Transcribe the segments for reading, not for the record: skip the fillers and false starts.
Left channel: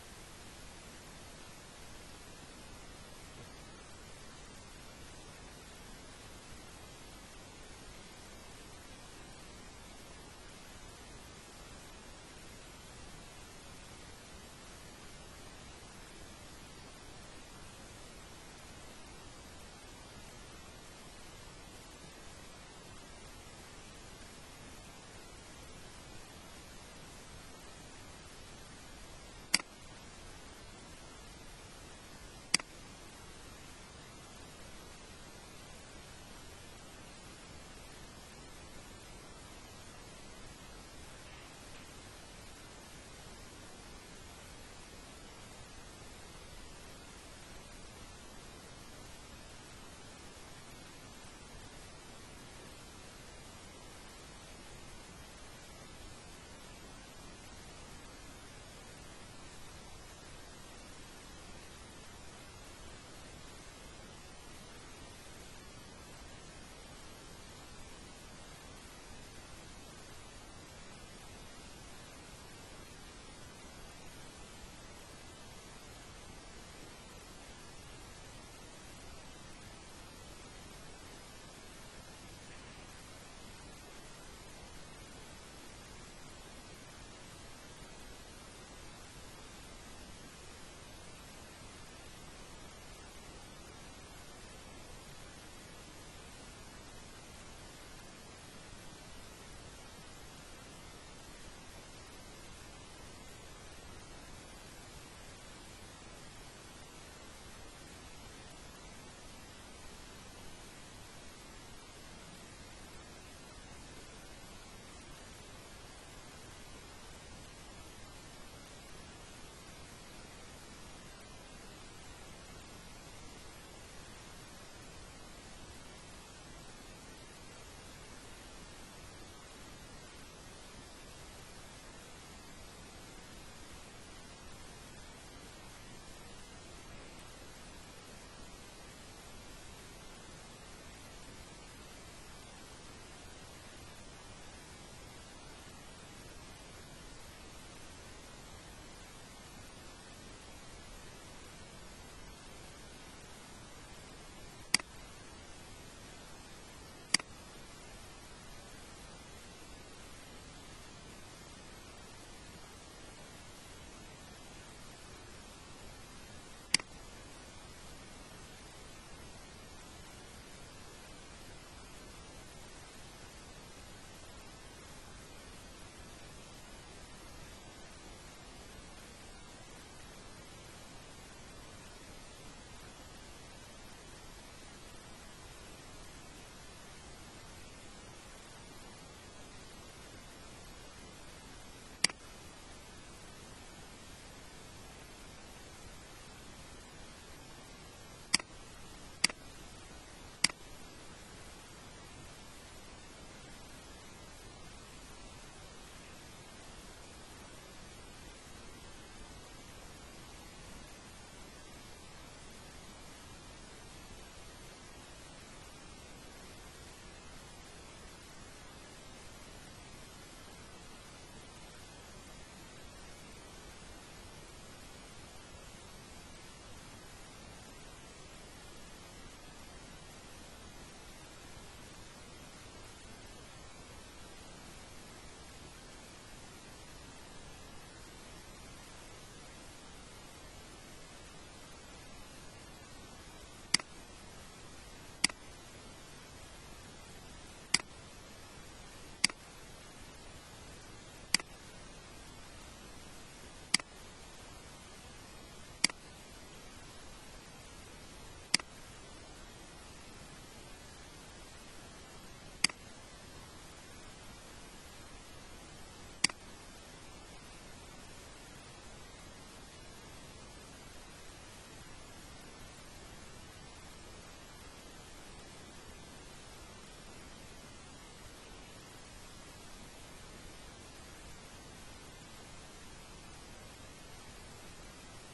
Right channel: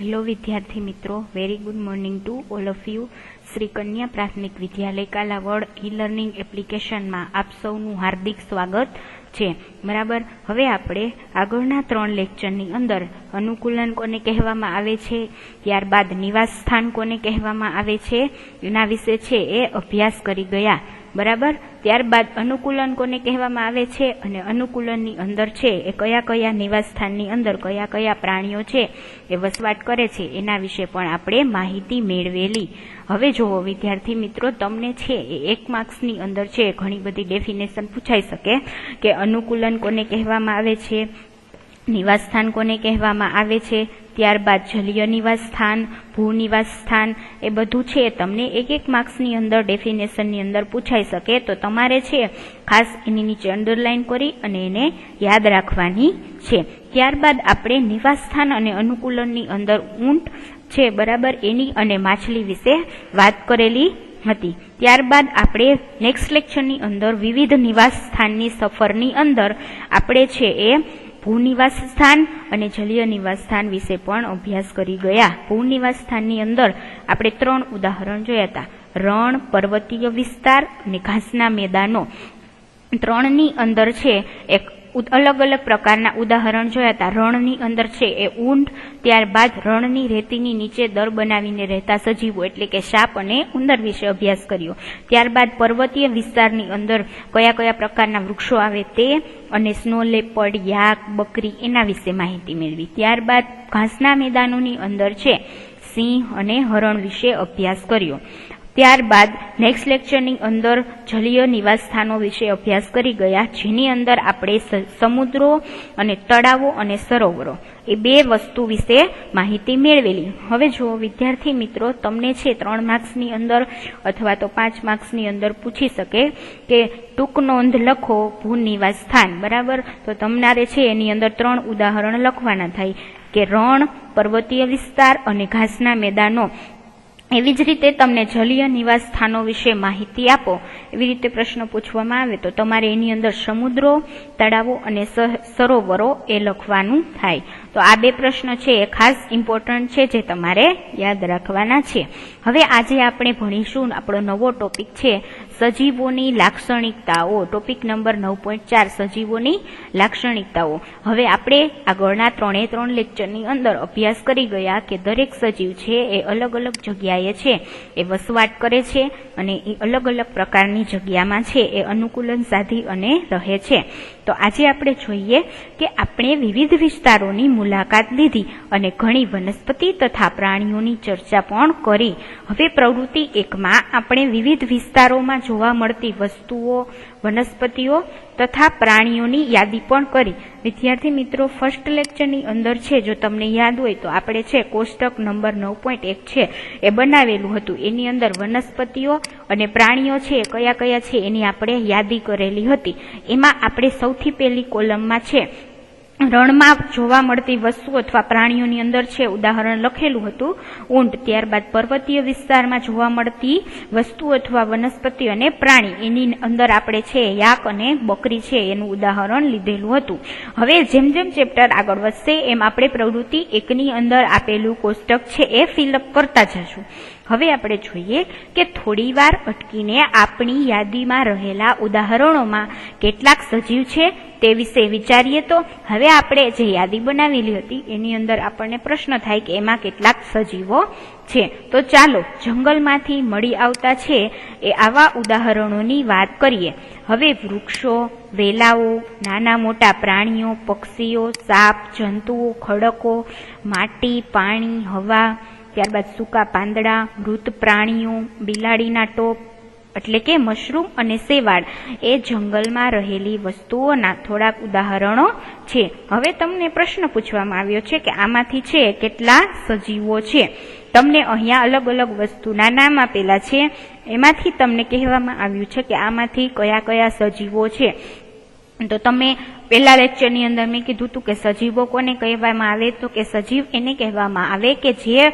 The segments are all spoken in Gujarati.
હેલો વિદ્યાર્થી મિત્રો, very good morning to all of you. Shri કન્યા પ્રાથમિક વિદ્યાલય કાલાવડ ઈ લર્નિંગ એપ્લિકેશનમાં આપ સૌનું હાર્દિક સ્વાગત છે. બરાબર, હવે આપણે આગળના 3 લેક્ચરની અંદર અનુકૂલન કોને કહેવામાં આવે છે, ત્યારબાદ નિવાસ સ્થાન કોને કહેવામાં આવે છે એના વિશે છે એ અભ્યાસ કરી ગયા. બરાબર, ત્યારબાદ અનુકૂલન કોને કહેવામાં આવે છે અને અનુકૂલનની અંદર છે એ કયા કયા નિવાસ સ્થાનની અંદર કયા કયા પ્રાણીઓ છે એ વસવાટ કરે છે એના વિશે પણ આપણે માહિતી મેળવેલી. હવે જુઓ વિદ્યાર્થી મિત્રો, તમને છે એ 1 માર્ક્સની અંદર છે ઘણી બધી ડેફિનેશન પૂછાઈ શકે કે અનુકૂલન કોને કહેવામાં આવે છે, નિવાસ સ્થાન કોને કહેવામાં આવે છે, ત્યારબાદ જલીય નિવાસ સ્થાન, ભૂ નિવાસ સ્થાન, એ બધું છે તમને 1 માર્ક્સની અંદર ડેફિનેશનની અંદર પૂછાઈ શકે. તો તમારે છે ખાસ એની નીચે અંડરલાઈન કરી અને એને યાદ રાખવાની છે. ત્યારબાદ આપણે નિવાસ સ્થાન અને અનુકૂલનની અંદર ઊંટ છે બરાબર એની અને માછલી વિશે વાત કરેલી હતી. ત્યારબાદ આપણે નેક્સ્ટ લેક્ચરની અંદર વિવિધ નિવાસ સ્થાનની સફરની અંદર આપણે છે એ ભૂનિવાસ સ્થાન અને જલીય નિવાસ સ્થાન વિશે પણ અભ્યાસ કરી ગયા. ભૂનિવાસ સ્થાનની અંદર આપણે 3 ઉદાહરણ જોયા હતા: રણ, પર્વતીય વિસ્તાર અને ઘાસના મેદાનો. 3ની અંદર છે એક અલગ અલગ પ્રકારના ઉદાહરણ જોયા હતા. રણની અંદર છે એ ઊંટ, ત્યારબાદ રણની રેતીની નીચે દર બનાવીને રહેતા સજીવો એટલે કે સાપ અને ઉંદર વિશે અભ્યાસ કર્યો. ત્યારબાદ પર્વતીય વિસ્તારની અંદર કયા કયા પ્રકારના વૃક્ષો આવે તે અને સ્નો લેપર્ડ, યાક, બકરી એના વિશે માહિતી મેળવી. ત્યારબાદ ઘાસના મેદાનોની અંદર છે સિંહ અને હરણ વિશે અભ્યાસ કર્યો. ત્યારબાદ નેક્સ્ટ લેક્ચરની અંદર જલીય નિવાસ સ્થાનો વિશે અભ્યાસ કરી ગયા, જેની અંદર આપણે સમુદ્રો અને તળાવો અને સરોવરો એ 2 વસ્તુ વિશે માહિતી મેળવેલી. હવે જો વિદ્યાર્થી મિત્રો, તમને છે 3 માર્ક્સની અંદર અથવા તો 5 માર્ક્સની અંદર પૂછી શકે કે ટૂંક નોંધ લખો ભૂનિવાસ સ્થાન. બરાબર, તો તમારે છે એની અંદર 3 ઉદાહરણ લખવાના થાય કે રણ, પર્વતીય વિસ્તાર અને ઘાસના મેદાનો. એવી જ રીતે તમને જલીય નિવાસ સ્થાનો વિશે માહિતી આપો એવી રીતે પ્રશ્ન પૂછવામાં આવે તો તમારે એની અંદર સમુદ્રો, તળાવો અને સરોવરો એ લખવાનું થાય. તો આ 2 પ્રશ્ન છે એ ખાસ ઇમ્પોર્ટન્ટ છે જે તમારે યાદ રાખવાના છે. હવે આજે આપણે ભણીશું આપણો નવો ટોપિક છે સજીવોની લાક્ષણિકતાઓ. ટોપિક નંબર 9.4 સજીવોની લાક્ષણિકતાઓ. હવે આપણે આગળના 3 લેક્ચરની અંદર અભ્યાસ કરી ગયા કે દરેક સજીવ છે એ અલગ અલગ જગ્યાએ છે એ વસવાટ કરે છે અને એ અલગ અલગ પ્રકારની જગ્યામાં છે એ અનુકૂલન સાધી અને રહે છે. તો આજે આપણે જોઈએ કે આપણે વિવિધ વિસ્તારોની મુલાકાત લીધી અને ઘણી વનસ્પતિ તથા પ્રાણીઓની ચર્ચા પણ કરી. હવે પ્રવૃત્તિ 1માં આપણે વિવિધ વિસ્તારોમાં જોવા મળતી વસ્તુઓ, વનસ્પતિઓ તથા પ્રાણીઓની યાદી પણ કરી. વિદ્યાર્થી મિત્રો, ફર્સ્ટ લેક્ચરની અંદર છે જો તમને યાદ હોય તો આપણે છે કોષ્ટક નંબર 9.1 છે એ બનાવેલું હતું. એની અંદર વનસ્પતિઓ અને પ્રાણીઓ છે કયા કયા છે એની આપણે યાદી કરેલી હતી. એમાં આપણે સૌથી પહેલી કોલમમાં છે રણમાં જોવા મળતી વસ્તુ અથવા પ્રાણીઓની અંદર છે ઉદાહરણ લખેલું હતું ઊંટ. ત્યારબાદ પર્વતીય વિસ્તારમાં જોવા મળતી વસ્તુ અથવા વનસ્પતિ અને પ્રાણી એની અંદર આપણે છે યાક અને બકરી છે એનું ઉદાહરણ લીધેલું હતું. હવે જેમ જેમ ચેપ્ટર આગળ વધશે એમ આપણે પ્રવૃત્તિ 1ની અંદર આપેલું કોષ્ટક છે એ ફિલઅપ કરતા જશું. હવે આપણે જોઈએ કે થોડી વાર અટકીને આપણી યાદીમાં રહેલા ઉદાહરણોમાં કેટલાક સજીવ છે તે વિશે વિચારીએ. તો હવે આપણે જે યાદી બનાવેલી હતી એની અંદર આપણને પ્રશ્ન થાય કે એમાં કેટલાક સજીવો છે. તો ચાલો જંગલમાંથી મળી આવતા છે એ આવા ઉદાહરણોની વાત કરીએ. હવે વૃક્ષો, વેલાઓ, નાના મોટા પ્રાણીઓ, પક્ષીઓ, સાપ, જંતુઓ, ખડકો, માટી, પાણી, હવા, ત્યારબાદ સૂકા પાંદડા, મૃત પ્રાણીઓ, બિલાડીના ટોપ એટલે કે મશરૂમ અને શેવાળ એ જંગલમાં રહેલી વસ્તુઓના થોડાક ઉદાહરણો છે. હવે તમને પ્રશ્ન પૂછવામાં આવ્યો છે કે આમાંથી છે કેટલા સજીવો છે. તમને અહીંયા અલગ અલગ વસ્તુના નામ આપેલા છે, એમાંથી તમને કહેવામાં આવ્યું છે કે આમાંથી કયા કયા સજીવો છે. તો તમે પહેલા લેક્ચરની અંદર મેં કીધું હતું કે સજીવો કોને કહેવામાં આવે તો કે સજીવ એને કહેવામાં આવે કે જે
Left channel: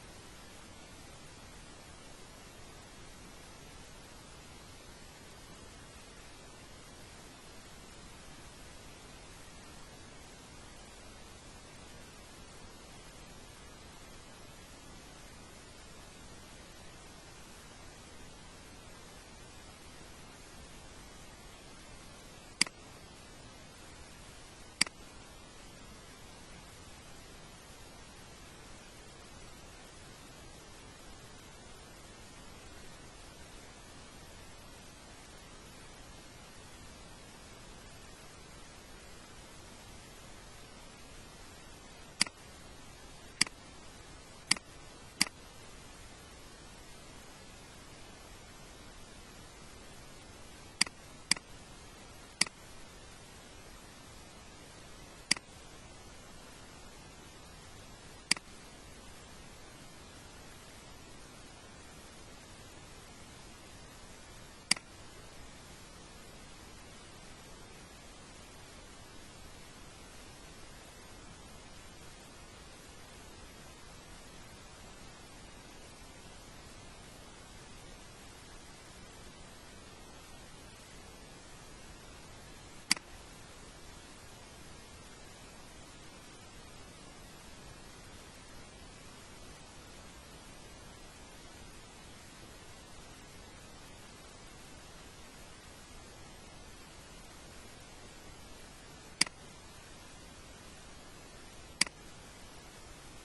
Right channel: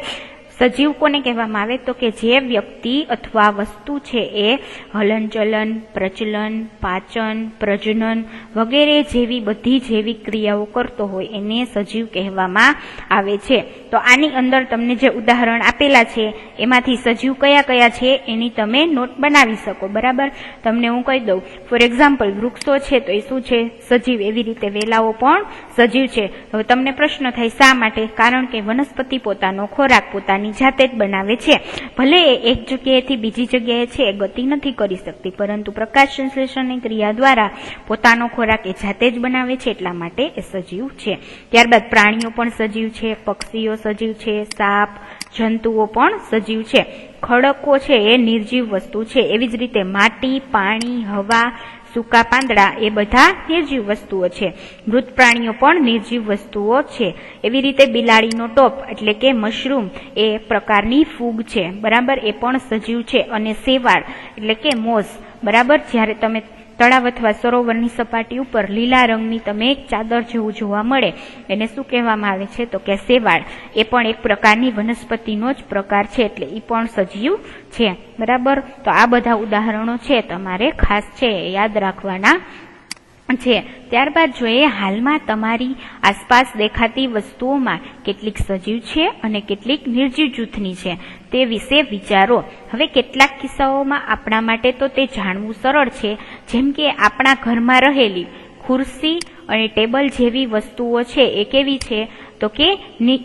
સજીવ કોને કહેવામાં આવે તો કે જે વ્યક્તિ અથવા વસ્તુ છે એ હલનચલન, પ્રચલન, પાચન, પ્રજનન વગેરે જેવી બધી જૈવિક ક્રિયાઓ કરતો હોય એને સજીવ કહેવામાં આવે છે. તો આની અંદર તમને જે ઉદાહરણ આપેલા છે એમાંથી સજીવ કયા કયા છે એની તમે નોટ બનાવી શકો. બરાબર, તમને હું કહી દઉં. ફોર એક્ઝામ્પલ, વૃક્ષો છે તો એ શું છે? સજીવ. એવી રીતે વેલાઓ પણ સજીવ છે. હવે તમને પ્રશ્ન થાય શા માટે? કારણ કે વનસ્પતિ પોતાનો ખોરાક પોતાની જાતે જ બનાવે છે. ભલે એ એક જગ્યાએથી બીજી જગ્યાએ છે એ ગતિ નથી કરી શકતી, પરંતુ પ્રકાશ સંશ્લેષણની ક્રિયા દ્વારા પોતાનો ખોરાક એ જાતે જ બનાવે છે, એટલા માટે એ સજીવ છે. ત્યારબાદ પ્રાણીઓ પણ સજીવ છે, પક્ષીઓ સજીવ છે, સાપ, જંતુઓ પણ સજીવ છે. ખડકો છે એ નિર્જીવ વસ્તુ છે. એવી જ રીતે માટી, પાણી, હવા, સૂકા પાંદડા એ બધા નિર્જીવ વસ્તુઓ છે. મૃત પ્રાણીઓ પણ નિર્જીવ વસ્તુઓ છે. એવી રીતે બિલાડીનો ટોપ એટલે કે મશરૂમ એ પ્રકારની ફૂગ છે. બરાબર, એ પણ સજીવ છે. અને શેવાળ એટલે કે મોસ. બરાબર, જ્યારે તમે તળાવ અથવા સરોવરની સપાટી ઉપર લીલા રંગની તમે એક ચાદર જેવું જોવા મળે એને શું કહેવામાં આવે છે તો કે શેવાળ. એ પણ એક પ્રકારની વનસ્પતિનો જ પ્રકાર છે, એટલે એ પણ સજીવ છે. બરાબર, તો આ બધા ઉદાહરણો છે તમારે ખાસ છે યાદ રાખવાના છે. ત્યારબાદ જોઈએ હાલમાં તમારી આસપાસ દેખાતી વસ્તુઓમાં કેટલીક સજીવ છે અને કેટલીક નિર્જીવ જૂથની છે તે વિશે વિચારો. હવે કેટલાક કિસ્સાઓમાં આપણા માટે તો તે જાણવું સરળ છે, જેમ કે આપણા ઘરમાં રહેલી ખુરશી અને ટેબલ જેવી વસ્તુઓ છે એ કેવી છે તો કે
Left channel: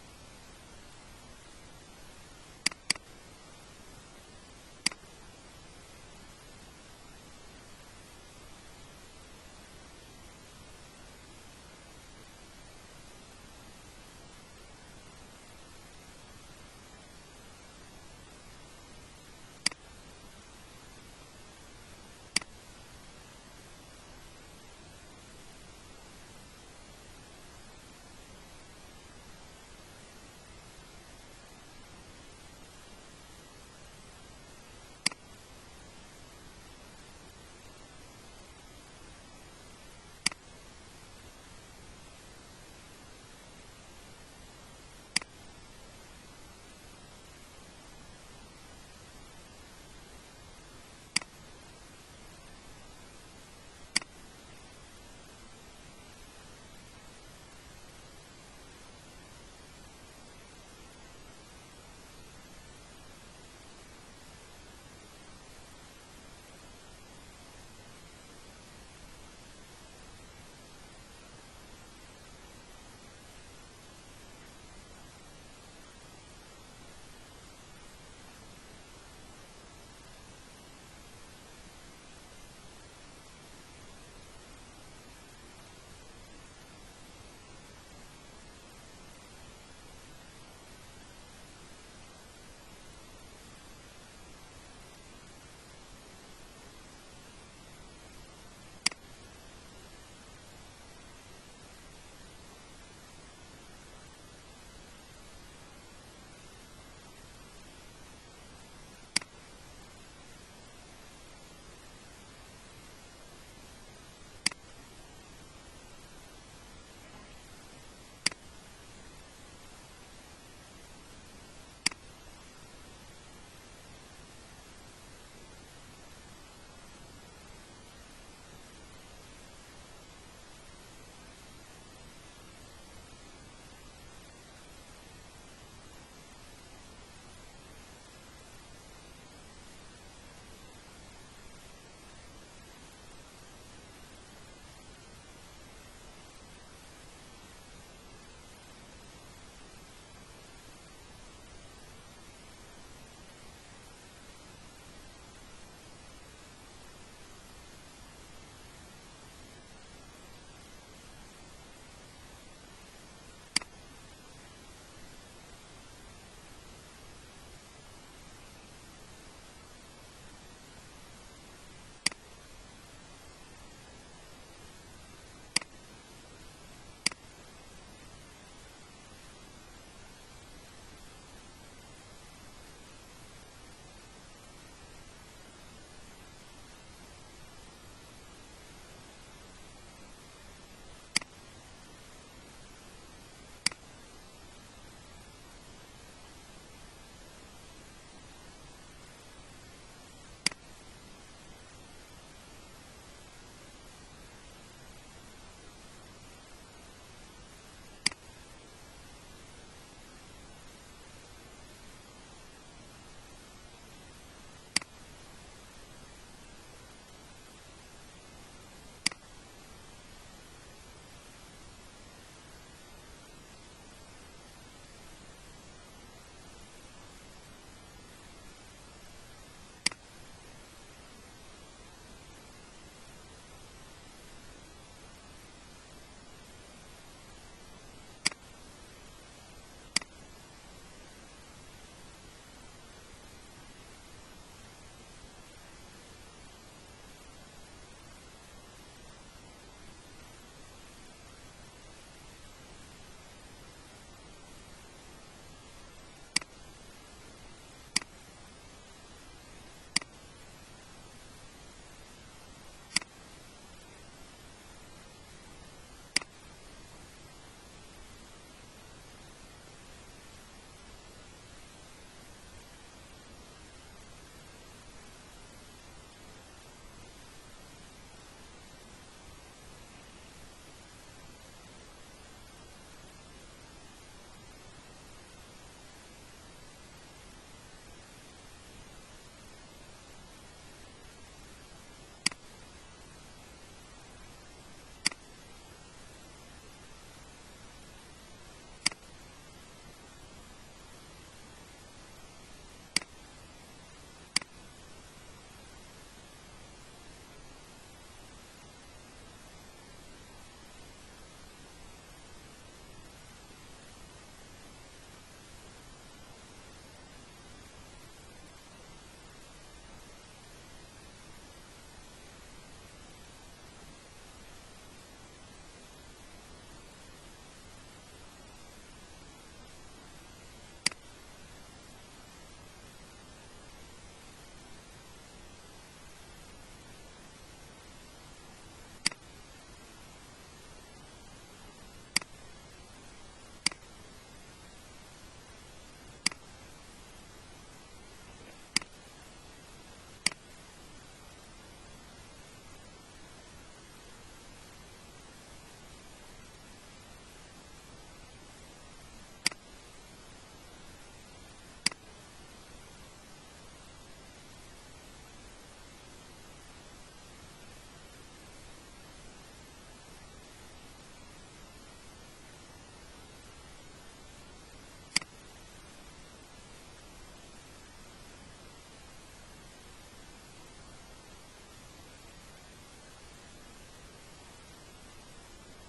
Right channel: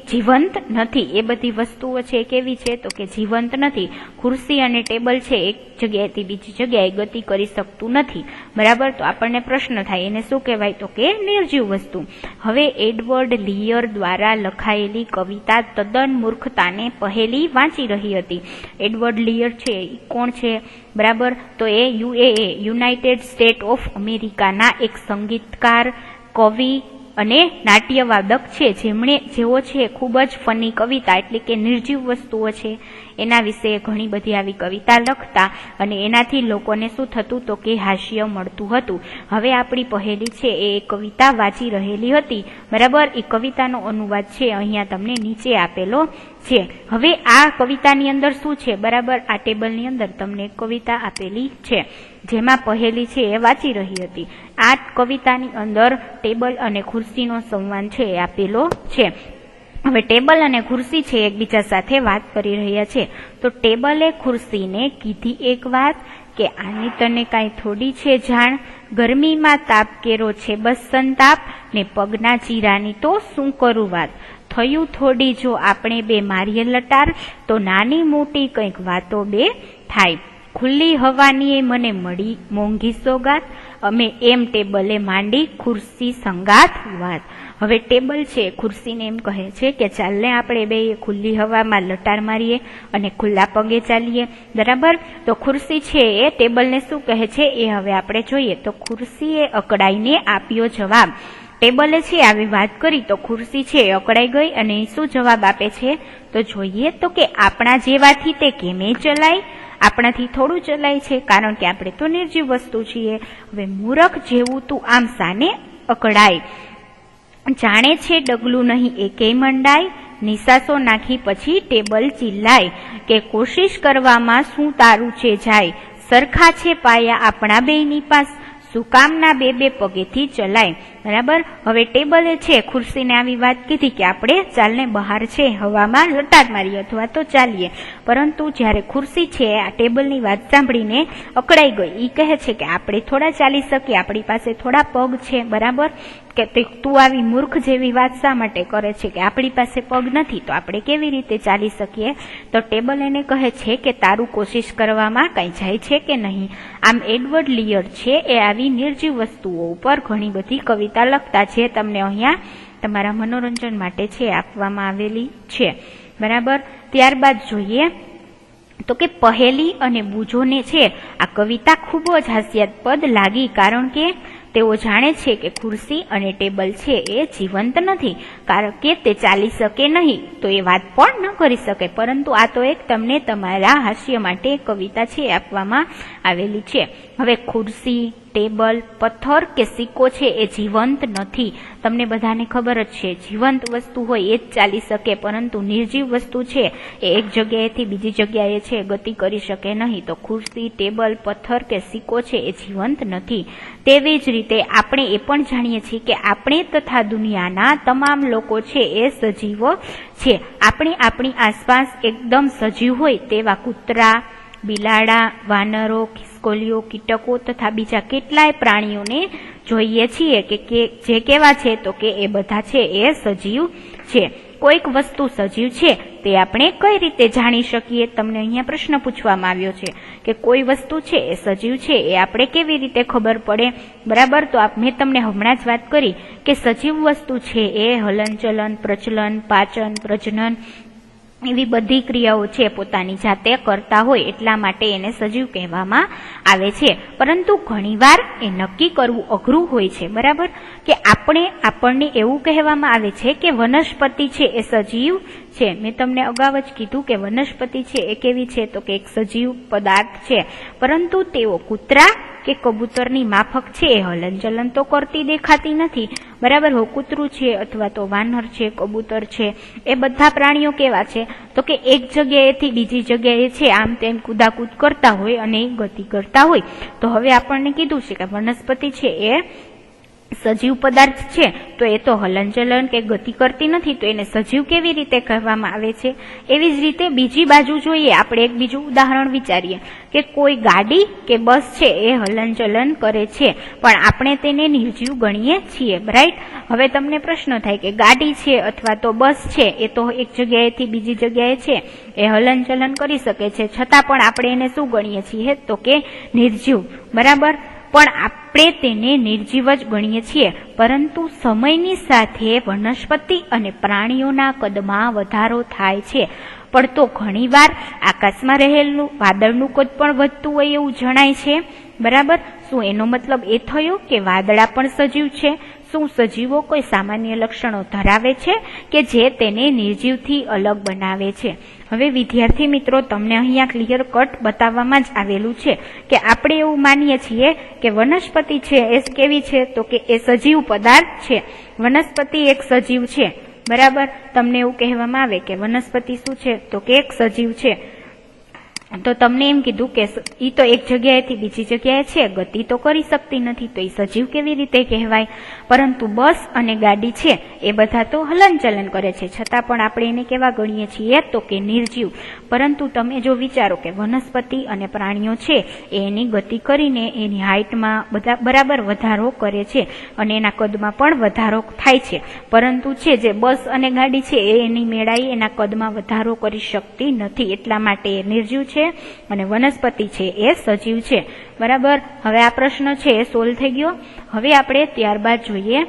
જીવંત નથી. એ બધી વસ્તુઓ છે કેવી છે તો કે જીવંત નથી. ખુરશી અને ટેબલ છે એક જગ્યાએથી બીજી જગ્યાએ ગતિ કરી શકતું નથી. બરાબર, તો આપણને પ્રશ્ન થાય એને શું કહેવાય તો કે નિર્જીવ વસ્તુ. હવે એડવર્ડ લીયર દ્વારા લખાયેલી કવિતા તદ્દન મૂર્ખતાને પહેલી વાંચી રહી હતી. એડવર્ડ લીયર છે એ કોણ છે? બરાબર, તો એ યુનાઇટેડ સ્ટેટ ઓફ અમેરિકાના એક સંગીતકાર, કવિ અને નાટ્યવાદક છે, જેઓ છે ખૂબ જ ફની કવિતા એટલે કે નિર્જીવ વસ્તુઓ છે એના વિશે ઘણી બધી આવી કવિતા લખતા અને એનાથી લોકોને શું થતું તો કે હાસ્ય મળતું હતું. હવે આપણી પહેલી છે એ કવિતા વાંચી રહેલી હતી. બરાબર, એ કવિતાનો અનુવાદ છે અહીંયા તમને નીચે આપેલો છે. હવે આ કવિતાની અંદર શું છે? બરાબર, આ ટેબલની અંદર તમને એક કવિતા આપેલી છે જેમાં પહેલી છે એ વાંચી રહી હતી. આ કવિતાની અંદર ટેબલ અને ખુરશીનો સંવાદ છે એ આપેલો છે. હવે ટેબલ અને ખુરશી છે એકબીજા સાથે વાત કરી રહ્યા છે. તો ટેબલે ખુરશીને કીધી એક વાત કે આની તને કાંઈ થોડી છે જાણ, ગરમીમાં તાપ કેરો છે બસ સંતાપ, ને પગના ચીરાની તો શું કરું વાત, થયું થોડી જો આપણે બે મારીએ લટાર, તો નાની મોટી કંઈક વાતો બે થાય, ખુલ્લી હવાની એ મને મળી મોંઘી સોગાત, અમે એમ ટેબલે માંડી ખુરશી સંગાત વાત. હવે ટેબલ છે ખુરશીને એમ કહે છે કે ચાલને આપણે બે ખુલ્લી હવામાં લટાર મારીએ અને ખુલ્લા પગે ચાલીએ. બરાબર, તો ખુરશી છે એ ટેબલને શું કહે છે એ હવે આપણે જોઈએ. તો ખુરશીએ અકળાઈને આપ્યો જવાબ. ટેબલે છે આવી વાત કરી તો ખુરશી છે અકળાઈ ગઈ અને શું જવાબ આપે છે તો જોઈએ તો કે આપણા જેવાથી તે કેમે ચલાય, આપણાથી થોડું ચલાય છે કારણ કે આપણે તો નિર્જીવ વસ્તુ છીએ. હવે મૂરખ જેવું તું આમ સાને અકળાય, જાણે છે ડગલું નહીં એકેય મંડાય, નિશાસો નાખી પછી ટેબલ ચિલ્લાય, કે કોશિશ કરવામાં શું તારું છે જાય, સરખા છે પાયા આપણા બેયની પાસ, શું કામના બે બે પગેથી ચલાય. બરાબર, હવે ટેબલે છે ખુરશીને આવી વાત કીધી કે આપણે ચાલને બહાર છે હવામાં લટાર મારીએ અથવા તો ચાલીએ, પરંતુ જ્યારે ખુરશી છે આ ટેબલની વાત સાંભળીને અકળાઈ ગઈ. એ કહે છે કે આપણે થોડા ચાલી શકીએ, આપણી પાસે થોડા પગ છે. બરાબર, કે તું આવી મૂર્ખ જેવી વાત શા માટે કરે છે કે આપણી પાસે પગ નથી તો આપણે કેવી રીતે ચાલી શકીએ. તો ટેબલ એને કહે છે કે તારું કોશિશ કરવામાં કંઈ જાય છે કે નહીં. આમ એડવર્ડ લીયર છે એ આવી નિર્જીવ વસ્તુઓ ઉપર ઘણી બધી કવિતા લખતા છે, તમને અહીંયા તમારા મનોરંજન માટે છે આપવામાં આવેલી છે. બરાબર, ત્યારબાદ જોઈએ તો કે પહેલી અને બૂજોને છે આ કવિતા ખૂબ જ હાસ્યાસ્પદ લાગી, કારણ કે તેઓ જાણે છે કે ખુરશી અને ટેબલ છે એ જીવંત નથી કારણ કે તે ચાલી શકે નહીં, તો એ વાત પણ ન કરી શકે. પરંતુ આ તો એક તમને તમારા હાસ્ય માટે કવિતા છે આપવામાં આવેલી છે. હવે ખુરશી, ટેબલ, પથ્થર કે સિક્કો છે એ જીવંત નથી. તમને બધાને ખબર જ છે, જીવંત વસ્તુ હોય એ જ ચાલી શકે, પરંતુ નિર્જીવ વસ્તુ છે એ એક જગ્યાએથી બીજી જગ્યાએ છે ગતિ કરી શકે નહીં. તો ખુરશી, ટેબલ, પથ્થર કે સિક્કો છે એ જીવંત નથી. તેવી જ રીતે આપણે એ પણ જાણીએ છીએ કે આપણે તથા દુનિયાના તમામ લોકો છે એ સજીવો છે. આપણે આપણી આસપાસ એકદમ સજીવ હોય તેવા કૂતરા, બિલાડા, વાનરો, ખિસકોલીઓ, કીટકો તથા બીજા કેટલાય પ્રાણીઓને જોઈએ છીએ કે જે કેવા છે તો કે એ બધા છે એ સજીવ છે. કોઈક વસ્તુ સજીવ છે તે આપણે કઈ રીતે જાણી શકીએ? તમને અહીંયા પ્રશ્ન પૂછવામાં આવ્યો છે કે કોઈ વસ્તુ છે એ સજીવ છે એ આપણે કેવી રીતે ખબર પડે? બરાબર, તો મેં તમને હમણાં જ વાત કરી કે સજીવ વસ્તુ છે એ હલનચલન, પ્રચલન, પાચન, પ્રજનન એવી બધી ક્રિયાઓ છે પોતાની જાતે કરતા હોય, એટલા માટે એને સજીવ કહેવામાં આવે છે. પરંતુ ઘણીવાર એ નક્કી કરવું અઘરું હોય છે. બરાબર, કે આપણને એવું કહેવામાં આવે છે કે વનસ્પતિ છે એ સજીવ છે. મેં તમને અગાઉ જ કીધું કે વનસ્પતિ છે એ કેવી છે તો કે એક સજીવ પદાર્થ છે, પરંતુ તેઓ કૂતરા કે કબૂતરની માફક છે એ હલનચલન તો કરતી દેખાતી નથી. બરાબર, કૂતરું છે અથવા તો વાનર છે, કબૂતર છે, એ બધા પ્રાણીઓ કેવા છે તો કે એક જગ્યાએથી બીજી જગ્યાએ છે આમ તેમ કૂદાકૂદ કરતા હોય અને ગતિ કરતા હોય. તો હવે આપણને કીધું છે કે વનસ્પતિ છે એ સજીવ પદાર્થ છે, તો એ તો હલનચલન કે ગતિ કરતી નથી, તો એને સજીવ કેવી રીતે કહેવામાં આવે છે? એવી જ રીતે બીજી બાજુ જોઈએ, આપણે એક બીજું ઉદાહરણ વિચારીએ કે કોઈ ગાડી કે બસ છે એ હલનચલન કરે છે, પણ આપણે તેને નિર્જીવ ગણીએ છીએ. રાઈટ, હવે તમને પ્રશ્ન થાય કે ગાડી છે અથવા તો બસ છે એ તો એક જગ્યાએથી બીજી જગ્યાએ છે એ હલનચલન કરી શકે છે, છતાં પણ આપણે એને શું ગણીએ છીએ તો કે નિર્જીવ. બરાબર, પણ આપણે તેને નિર્જીવ જ ગણીએ છીએ. પરંતુ સમયની સાથે વનસ્પતિ અને પ્રાણીઓના કદમાં વધારો થાય છે, પણ તો ઘણીવાર આકાશમાં રહેલું વાદળનું કદ પણ વધતું હોય એવું જણાય છે. બરાબર, શું એનો મતલબ એ થયો કે વાદળા પણ સજીવ છે? શું સજીવો કોઈ સામાન્ય લક્ષણો ધરાવે છે કે જે તેને નિર્જીવથી અલગ બનાવે છે? હવે વિદ્યાર્થી મિત્રો, તમને અહીંયા ક્લિયર કટ બતાવવામાં જ આવેલું છે કે આપણે એવું માનીએ છીએ કે વનસ્પતિ છે એ કેવી છે તો કે એ સજીવ પદાર્થ છે. વનસ્પતિ એક સજીવ છે. બરાબર, તમને એવું કહેવામાં આવે કે વનસ્પતિ શું છે તો કે એક સજીવ છે, તો તમને એમ કીધું કે ઈ તો એક જગ્યાએથી બીજી જગ્યાએ છે, ગતિ તો કરી શકતી નથી, તો એ સજીવ કેવી રીતે કહેવાય? પરંતુ બસ અને ગાડી છે એ બધા તો હલનચલન કરે છે, છતાં પણ આપણે એને કેવા ગણીએ છીએ તો કે નિર્જીવ. પરંતુ તમે જો વિચારો કે વનસ્પતિ અને પ્રાણીઓ છે એ એની ગતિ કરીને એની હાઇટમાં બરાબર વધારો કરે છે અને એના કદમાં પણ વધારો થાય છે, પરંતુ છે જે બસ અને ગાડી છે એ એની મેળાએ એના કદમાં વધારો કરી શકતી નથી, એટલા માટે એ નિર્જીવ છે અને વનસ્પતિ છે એ સજીવ છે. બરાબર, હવે આ પ્રશ્ન છે એ સોલ્વ થઈ ગયો. હવે આપણે ત્યારબાદ જોઈએ,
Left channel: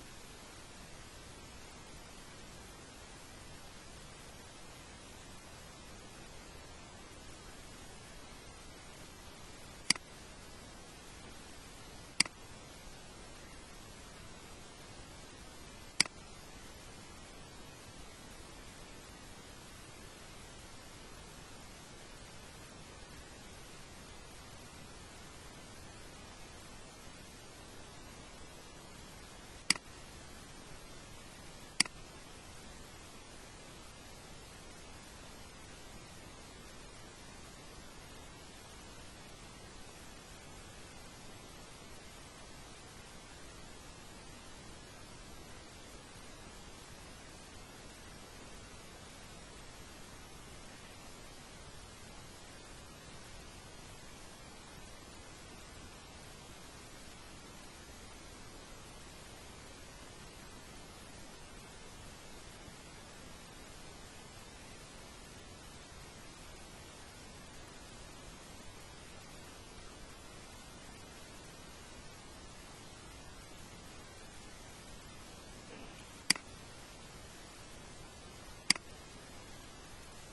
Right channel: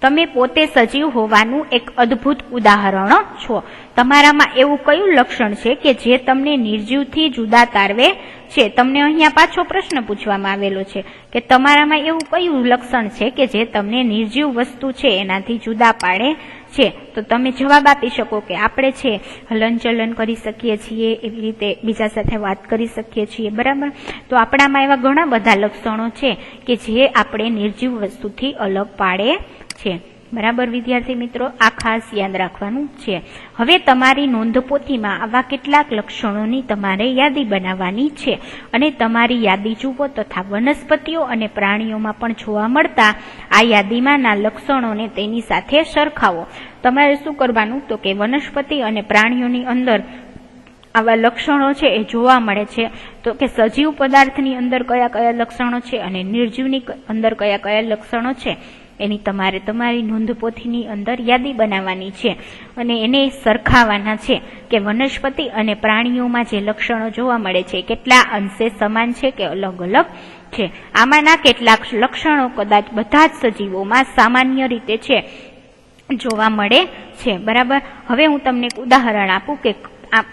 તમે પોતે સજીવ હોવાનું એક અદ્ભુત ઉદાહરણ છો. તમારામાં એવું કયું લક્ષણ છે કે જે તમને નિર્જીવથી જુદા તારવે છે? તમને અહીંયા પાછો પ્રશ્ન પૂછવામાં આવેલો છે કે તમારામાં એવું કયું લક્ષણ છે કે જે તમને નિર્જીવ વસ્તુ છે એનાથી જુદા પાડે છે? તો તમે જવાબ આપી શકો કે આપણે છે હલનચલન કરી શકીએ છીએ, એવી રીતે બીજા સાથે વાત કરી શકીએ છીએ. બરાબર, તો આપણામાં એવા ઘણા બધા લક્ષણો છે કે જે આપણે નિર્જીવ વસ્તુથી અલગ પાડે છે. બરાબર વિદ્યાર્થી મિત્રો, આ ખાસ યાદ રાખવાનું છે. હવે તમારી નોંધપોથીમાં આવા કેટલાક લક્ષણોની તમારે યાદી બનાવવાની છે અને તમારી યાદી જુઓ તથા વનસ્પતિઓ અને પ્રાણીઓમાં પણ જોવા મળતા આ યાદીમાંના લક્ષણોને તેની સાથે સરખાવો. તમારે શું કરવાનું તો કે વનસ્પતિ અને પ્રાણીઓની અંદર આવા લક્ષણો છે એ જોવા મળે છે, તો કે સજીવ પદાર્થની અંદર કયા કયા લક્ષણો છે અને નિર્જીવની અંદર કયા કયા લક્ષણો છે એની તમારે તમારી નોંધપોથીની અંદર યાદી બનાવવાની છે અને એને સરખાવવાના છે કે વનસ્પતિ અને પ્રાણીઓમાં જે લક્ષણો જોવા મળે છે કેટલા અંશે સમાન છે કે અલગ અલગ છે. આમાંના કેટલાક લક્ષણો કદાચ બધા જ સજીવોમાં સામાન્ય રીતે છે જોવા મળે છે. બરાબર, હવે હું તમને એક ઉદાહરણ આપું કે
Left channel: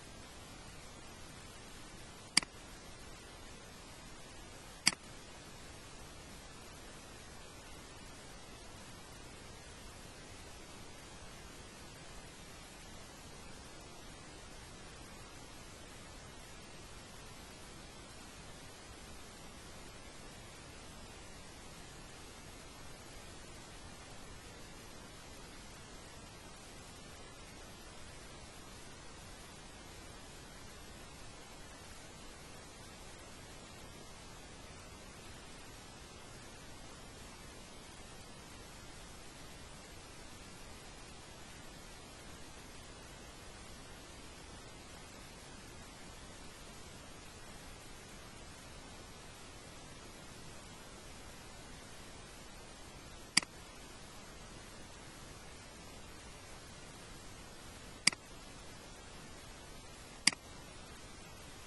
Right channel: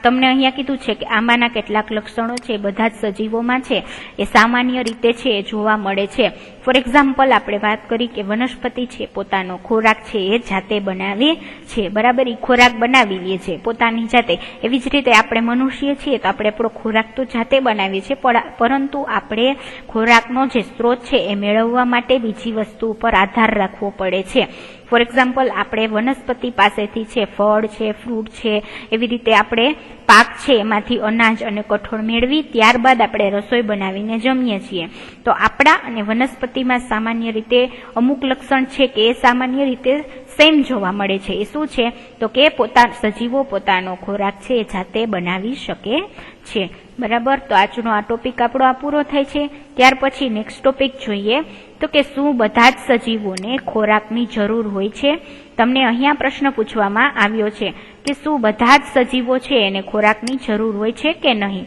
તમને અહીંયા કીધું છે કે આમાંના કેટલાક લક્ષણો છે બધા જ સજીવોમાં છે એ સામાન્ય રીતે છે એ જોવા મળે છે. ફોર એક્ઝામ્પલ આપણે વાત કરી કે વનસ્પતિ છે પોતાનો ખોરાક છે એ જાતે બનાવે છે, બરાબર, એ ખોરાક બનાવી લે છે પોતાની જાતે. એવી જ રીતે આપણે મનુષ્ય છીએ તો આપણે આપણો ખોરાક તો જાતે બનાવીએ છીએ, પરંતુ આપણે ખોરાકનો જે સ્ત્રોત છે એ મેળવવા માટે બીજી વસ્તુ ઉપર આધાર રાખવો પડે છે. ફોર એક્ઝામ્પલ આપણે વનસ્પતિ પાસેથી છે ફળ છે, ફ્રૂટ છે, એવી રીતે આપણે પાક છે એમાંથી અનાજ અને કઠોળ મેળવી ત્યારબાદ આપણે રસોઈ બનાવીને જમીએ છીએ. તો આપણા અને વનસ્પતિમાં સામાન્ય રીતે અમુક લક્ષણ છે કે એ સામાન્ય રીતે સેમ જોવા મળે છે. એ શું છે તો કે સજીવો પોતાનો ખોરાક છે એ જાતે બનાવી શકે છે, બરાબર. તો આજનો આ ટોપિક આપણો આ પૂરો થાય છે. ત્યાર પછી નેક્સ્ટ ટોપિક જોઈએ તો કે શું બધા જ સજીવોને ખોરાકની જરૂર હોય છે. તમને અહીંયા પ્રશ્ન પૂછવામાં આવ્યો છે કે શું બધા જ સજીવો છે એને ખોરાકની જરૂર હોય છે કે નહીં,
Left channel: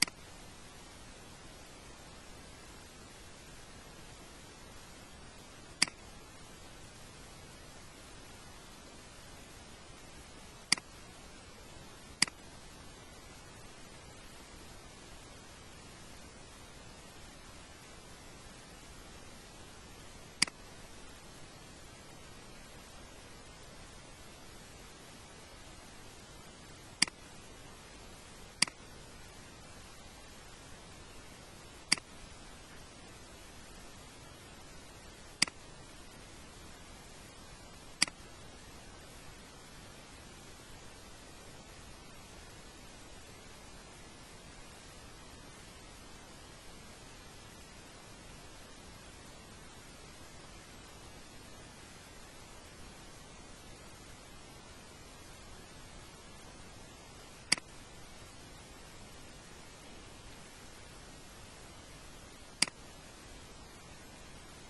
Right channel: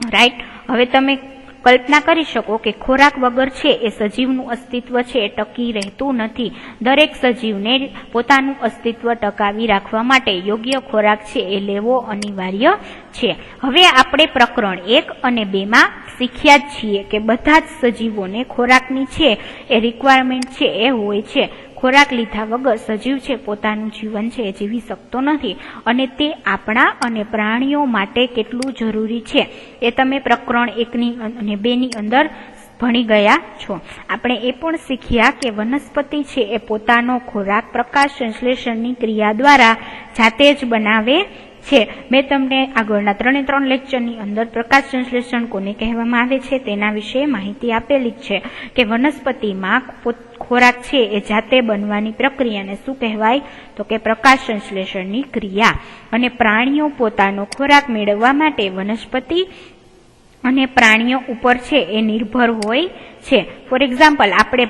રાઈટ. હવે તમે કલ્પના કરી શકો કે ખોરાક વગર છે એ સજીવનું અસ્તિત્વ છે એ ટકી રહેતું નથી. દરેક સજીવને પોતાનું અસ્તિત્વ ટકાવી રાખવા માટે યોગ્ય ખોરાક છે એ લેવો અનિવાર્ય છે. હવે આપણે પ્રકરણ 1 અને 2 માં શીખ્યા જ છીએ કે બધા જ સજીવોને ખોરાકની છે એ રિક્વાયરમેન્ટ છે એ હોય છે. ખોરાક લીધા વગર સજીવ છે પોતાનું જીવન છે એ જીવી શકતો નથી, અને તે આપણા અને પ્રાણીઓ માટે કેટલું જરૂરી છે એ તમે પ્રકરણ 1 અને 2 ની અંદર ભણી ગયા છો. આપણે એ પણ શીખ્યા કે વનસ્પતિ છે એ પોતાનો ખોરાક પ્રકાશ સંશ્લેષણની ક્રિયા દ્વારા જાતે જ બનાવે છે. મેં તમને આગળના 3 લેક્ચરની અંદર પ્રકાશ સંશ્લેષણ કોને કહેવામાં આવે છે તેના વિશે માહિતી આપેલી જ છે કે વનસ્પતિમાં ખોરાક છે એ જાતે બનવાની પ્રક્રિયાને શું કહેવાય તો કે પ્રકાશ સંશ્લેષણની ક્રિયા. અને પ્રાણીઓ પોતાનો ખોરાક મેળવવા માટે વનસ્પતિ અને પ્રાણીઓ ઉપર છે એ નિર્ભર હોય છે. ફોર એક્ઝામ્પલ આપણે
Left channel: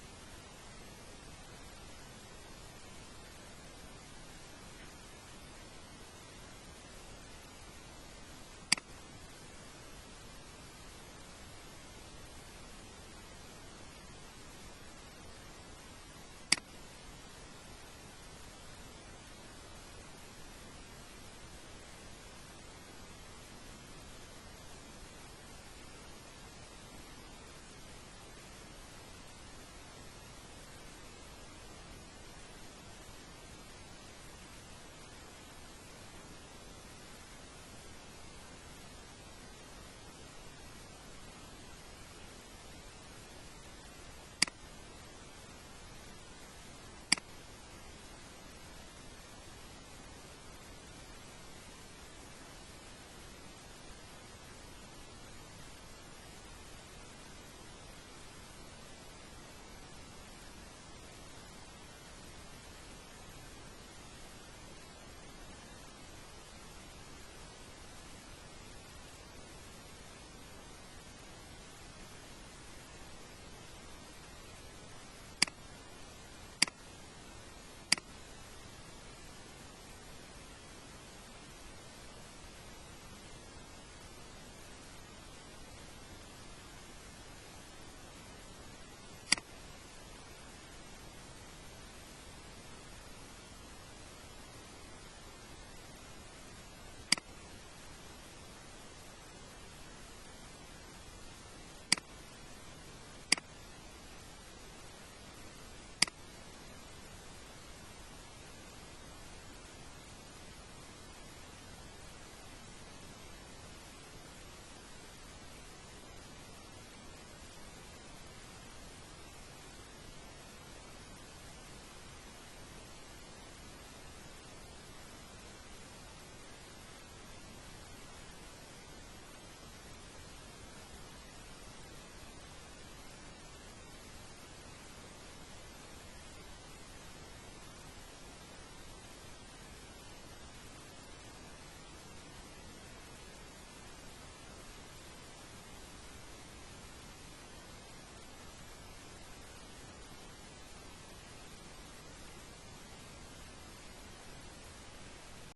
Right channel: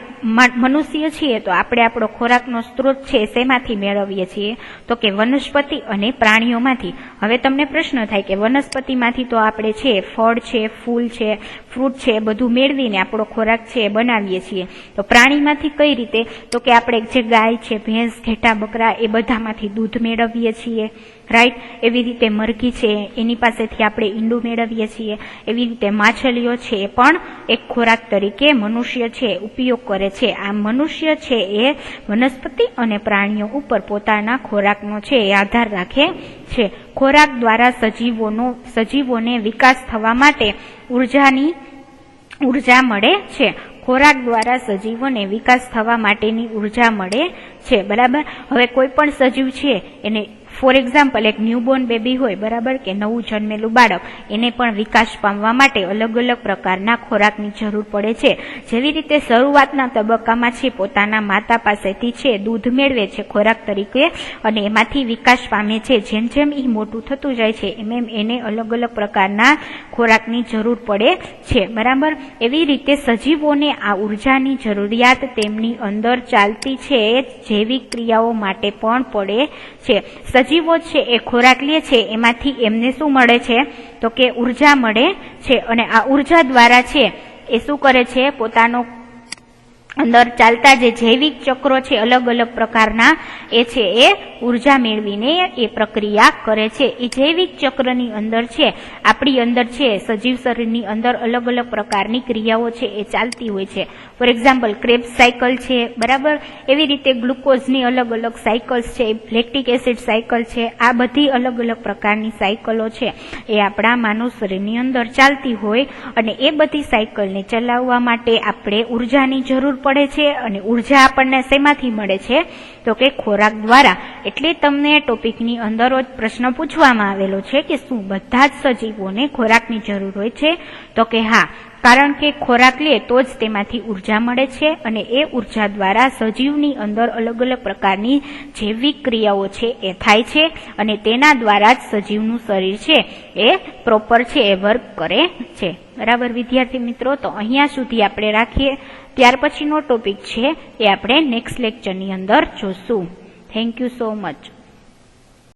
મનુષ્ય છીએ તો આપણે આપણો ખોરાકનો સ્ત્રોત છે શેમાંથી મેળવીએ છીએ તો કે વનસ્પતિ અને પ્રાણીઓમાંથી. હવે તમને પ્રશ્ન થાય કે વનસ્પતિમાંથી તો આપણે છે ફળ છે, ફૂલ છે, ફ્રૂટ છે બધું મેળવીને આપણો ખોરાક છે એ બનાવીએ છીએ. તો પ્રાણીમાંથી કઈ રીતે તો કે આપણે જે ગાય છે, ભેંસ, ઘેટા, બકરા એ બધામાંથી દૂધ મેળવીએ છીએ, રાઈટ. એવી રીતે મરઘી છે એની પાસેથી આપણે ઈંડું મેળવીએ છીએ. એવી રીતે માછલીઓ છે એ પણ એક ખોરાક તરીકે મનુષ્ય છે ઉપયોગ કરે છે. આ મનુષ્ય છે એ વનસ્પતિ અને પ્રાણીઓ ઉપર પોતાના ખોરાકનો છે એ આધાર રાખે છે. ખોરાક દ્વારા સજીવોને વિકાસ થવા માટે ઉર્જા મળે છે. ખોરાક દ્વારા સજીવોને વિકાસ થવા માટેની ઉર્જા મળે છે, બરાબર. હવે કોઈ પણ સજીવ છે એને ફોર એક્ઝામ્પલ એક ન્યૂબોર્ન બેબી હોય, બરાબર, કે નવું જન્મેલું બાળક, એને પણ વિકાસ પામવા માટે અલગ અલગ પ્રકારના ખોરાકની જરૂર પડે છે. જેવી રીતે શરૂઆતના તબક્કામાં છે પોતાના માતા પાસેથી છે દૂધ મેળવે છે ખોરાક તરીકે અને એમાંથી વિકાસ પામે છે. જેમ જેમ એ મોટું થતું જાય છે એમ એમ એને અલગ અલગ પ્રકારના ખોરાકની જરૂર પડે છે, બરાબર. એવી રીતે સજીવોને આ ઉર્જાની જરૂરિયાત તેમની અંદર ચાલતી છે જૈવિક ક્રિયાઓ માટે પણ પડે છે. સજીવો છે એ ખોરાક લે છે એમાંથી એમને શું મળે છે તો કે ઉર્જા મળે છે, અને આ ઉર્જા દ્વારા છે એ શું કરે છે પોતાનો અંદર ચાલતા જે જૈવિક ચક્રો છે અલગ અલગ પ્રકારના એ છે એ ઉર્જા મેળવીને એ પ્રક્રિયા કરે છે. એ જૈવિક ચક્રની અંદર છે આપણી અંદર છે સજીવ શરીરની અંદર અલગ અલગ પ્રકારની ક્રિયાઓ છે એ ચાલતી હોય છે. ફોર એક્ઝામ્પલ ક્રેબ્સ સાયકલ છે, બરાબર. એવી રીતે ગ્લુકોઝની અલગ અલગ સાયકલ્સ છે, લેક્ટિક એસિડ સાયકલ છે, આ બધી અલગ અલગ પ્રકારની સાયકલો છે એ આપણા માનવ શરીરની અંદર ચાલતી હોય, અને એ બધી સાયકલને ચલાવવા માટે આપણે ઉર્જાની જરૂર પડે છે. અને ઉર્જા આપણને શેમાંથી મળે છે તો કે ખોરાક દ્વારા. એટલે તમને ટોપિકની અંદર જ પ્રશ્ન પૂછવામાં આવેલો છે કે શું બધા જ સજીવોને ખોરાકની જરૂર હોય છે તો કે હા, કારણ કે ખોરાક લે તો જ તેમાંથી ઉર્જા મળે છે, અને એ ઉર્જા દ્વારા સજીવની અંદર અલગ અલગ પ્રકારની જૈવિક ક્રિયાઓ છે એ થાય છે, અને તેના દ્વારા જ સજીવનું શરીર છે એ પ્રોપર છે એ વર્ક કરે છે, બરાબર વિદ્યાર્થી મિત્રો. તો અહીંયા સુધી આપણે રાખીએ. ત્યાર પછીનો ટોપિક છે એ આપણે નેક્સ્ટ લેક્ચરની અંદર જોશું. Thank you so much.